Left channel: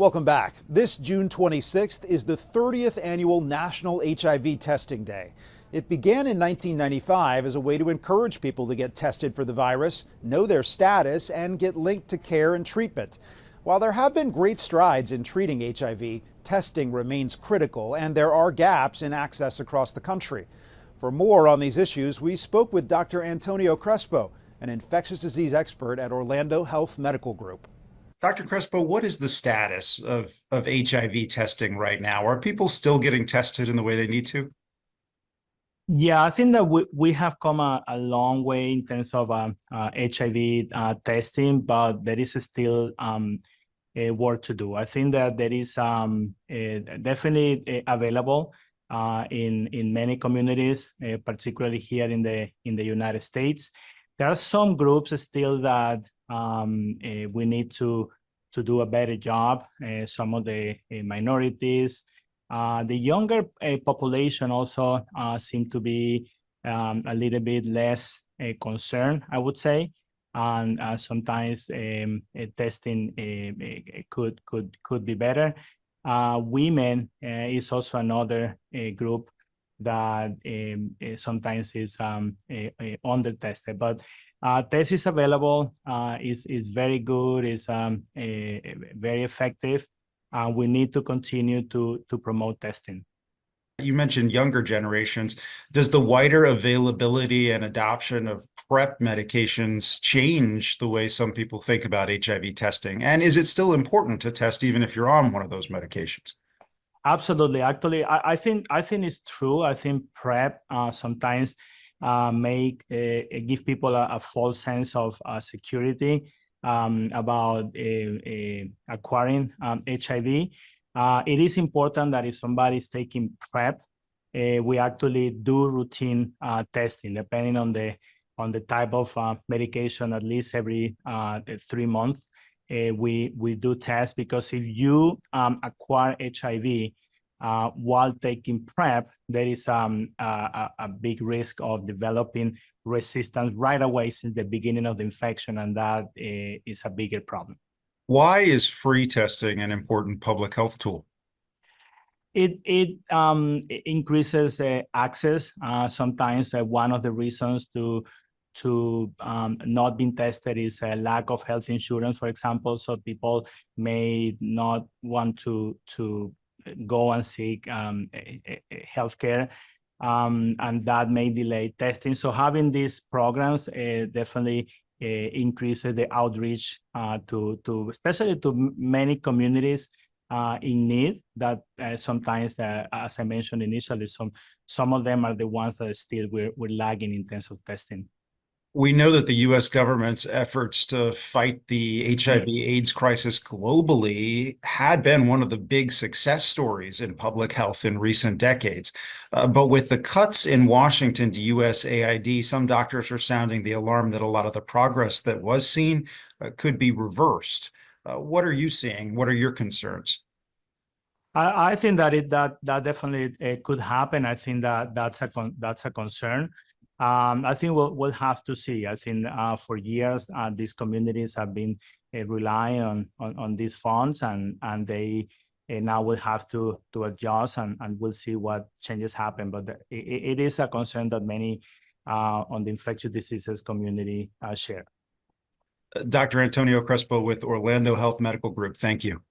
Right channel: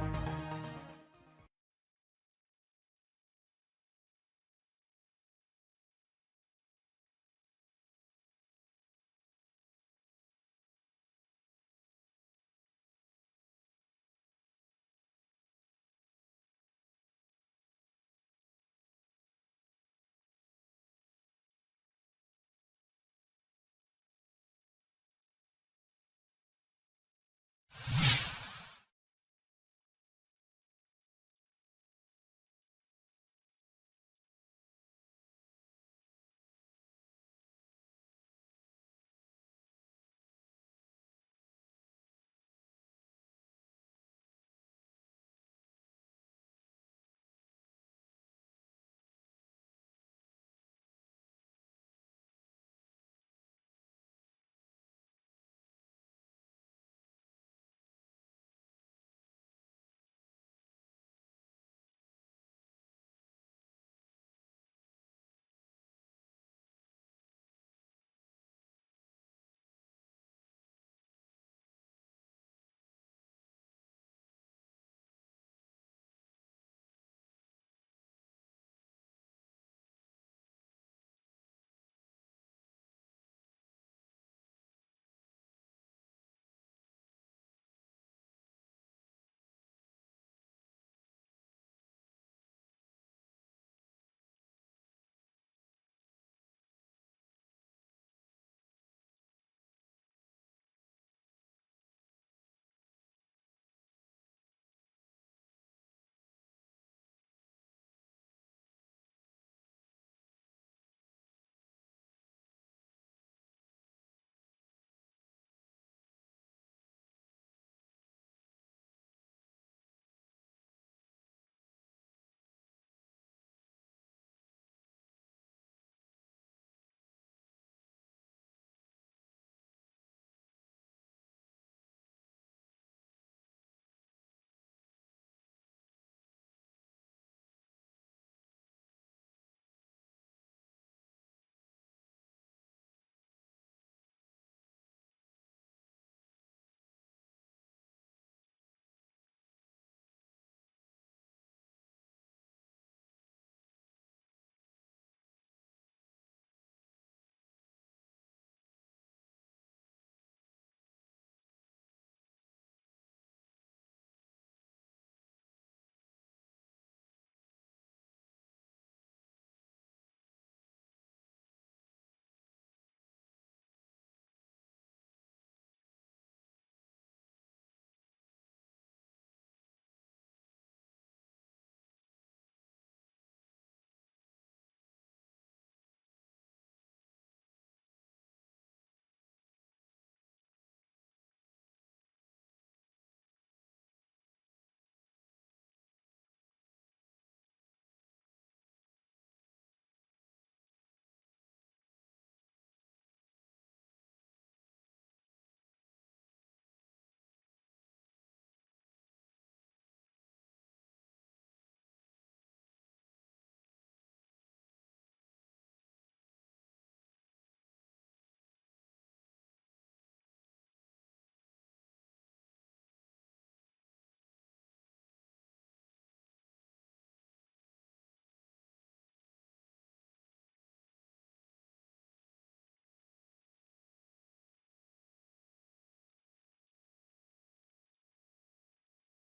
Welcome back. This June 26th is the 30th annual National HIV Testing Day. It began in 1995 as a way to encourage people to get tested for the virus, know their status, and get linked to care and treatment. While there have been great strides in treating HIV, testing remains critical and there are gaps in access across the country. For more on these issues, we spoke with Dr. Antonio Crespo, an infectious disease expert at Orlando Health Medical Group. Dr. Crespo, what is the status of HIV testing right now? Are people still getting tested in the way they need to? Yeah, I think that we have come a long way in terms of HIV testing, but there is still work to do. I think that there is definitely available in many communities, particularly here in the United States. There are some groups still that we need to do a better job. Some of the minorities. The younger population also seem to be a little bit less concerned, I would say, and sometimes testing could be better. Women is also another group that sometimes is under tested, but test is available, is very good, is very effective. We need to continue to promote testing. You mentioned younger generations. Does the wider availability and adoption of PrEP medications change the way some people think about HIV testing? And is it still important to test even if you're on one of those medications? Absolutely. Actually, I think it's true. I think PrEP sometimes give people a false sense of security about acquiring HIV. It is important that if somebody is taking PrEP, we actually do routine testing depending on the type of medication. At least every 3 months, we do test, because if you acquire HIV while taking PrEP, there is a big risk of developing resistance right away since the beginning of the infection, and that is a bigger problem. Why is free testing an important public health tool? It increases access. Sometimes one of the reasons to not being tested is a lack of health insurance, for example. So people may not want to go and seek healthcare, and that may delay testing. So having these programs definitely increases the outreach to especially to many communities in need that sometimes, as I mentioned initially, some of them are the ones that still we're lagging in terms of testing. We know that the U.S. government's efforts to fight the HIV/AIDS crisis globally had been one of the big success stories in public health in recent decades. But with the cuts in Washington to USAID, some doctors are sounding the alarm that a lot of the progress that was seen could be reversed. What are you seeing? What are your concerns? I think that definitely could happen. I think that's a concern. I think we'll have to see. I think for years these communities have been relying on these funds, and they now will have to adjust, and we'll see what changes happen. But it is a concern that many on the infectious diseases community share. Dr. Antonio Crespo with Orlando Health Medical Group, thank you.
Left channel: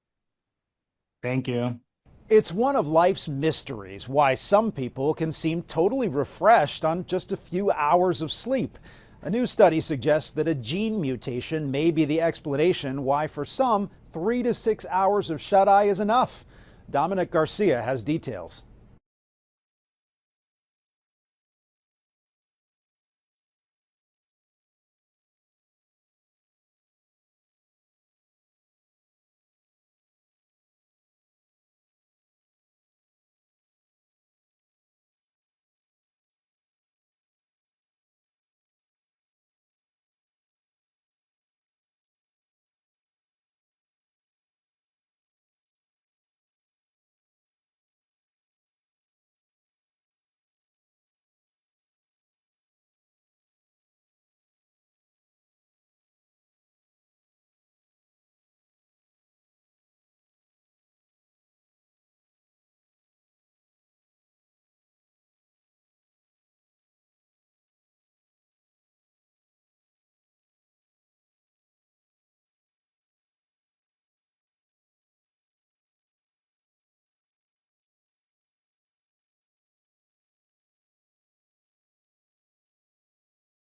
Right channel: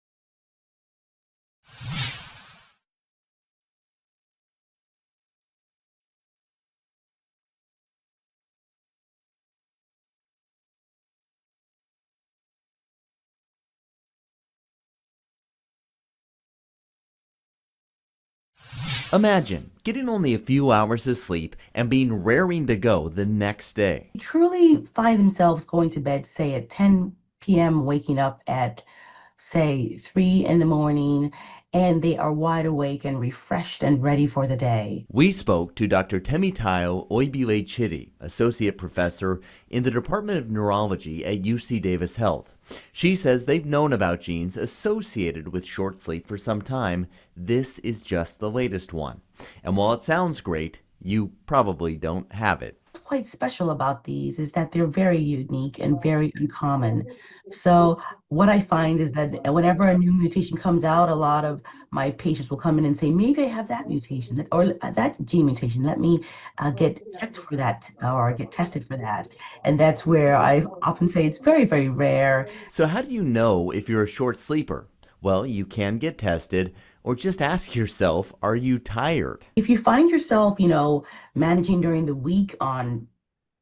Thank you. It's one of life's mysteries why some people can seem totally refreshed on just a few hours of sleep. A new study suggests that a gene mutation may be the explanation why for some 3 to 6 hours of shut-eye is enough. Dominic Garcia has details. Imagine getting only a few hours of sleep and being raring to go the next day. Truly find themselves going to bed, say at 10 p.m., waking up at, say, 3 in the morning, and they are wide awake and refreshed and ready for the day. We spoke to Dr. Temitayo Oybile-Chidi, Associate Professor in the Department of Neurology at UC Davis Health. She says they've known about genes associated with short sleep for some time. This is just the latest one. And while it sounds great, you probably don't have it. What's quite special about these is that they're very unique and very uncommon. So what I find is that whenever a new mutation comes out, a lot of my patients will come in and say, maybe I have that mutation or that gene mutation. Let me get checked for that or get tested for that. And that's where I often say it's very, very rare. So, how do you know if you're a short sleeper? Well, you can get tested or just ask yourself, are you tired? If you find yourself, managing during the week on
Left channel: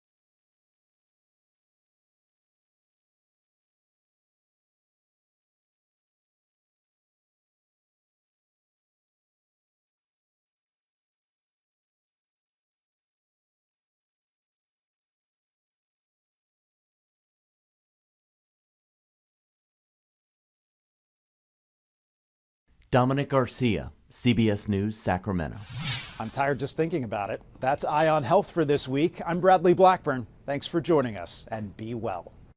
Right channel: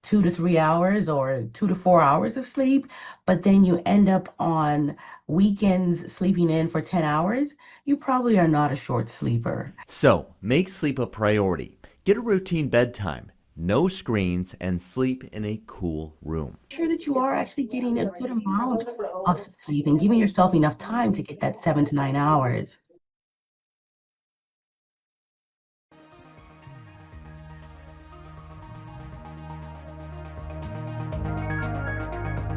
2 to 3 hours or 2 to 4 hours of sleep, but then you end up on weekends sleeping in for 10 hours, you probably are not a short sleeper. So, make sleep a priority. Get a routine bedtime, no screens, and sleep in a cool room. Sure that you are actually getting a good amount of sleep and giving yourself enough time to get that 7 to 9 hours. Dominic Garcia, CBS News, Sacramento. I'm tired just thinking about it. That's Eye on Health for this week. I'm Bradley Blackburn. Thanks for joining us, and be well.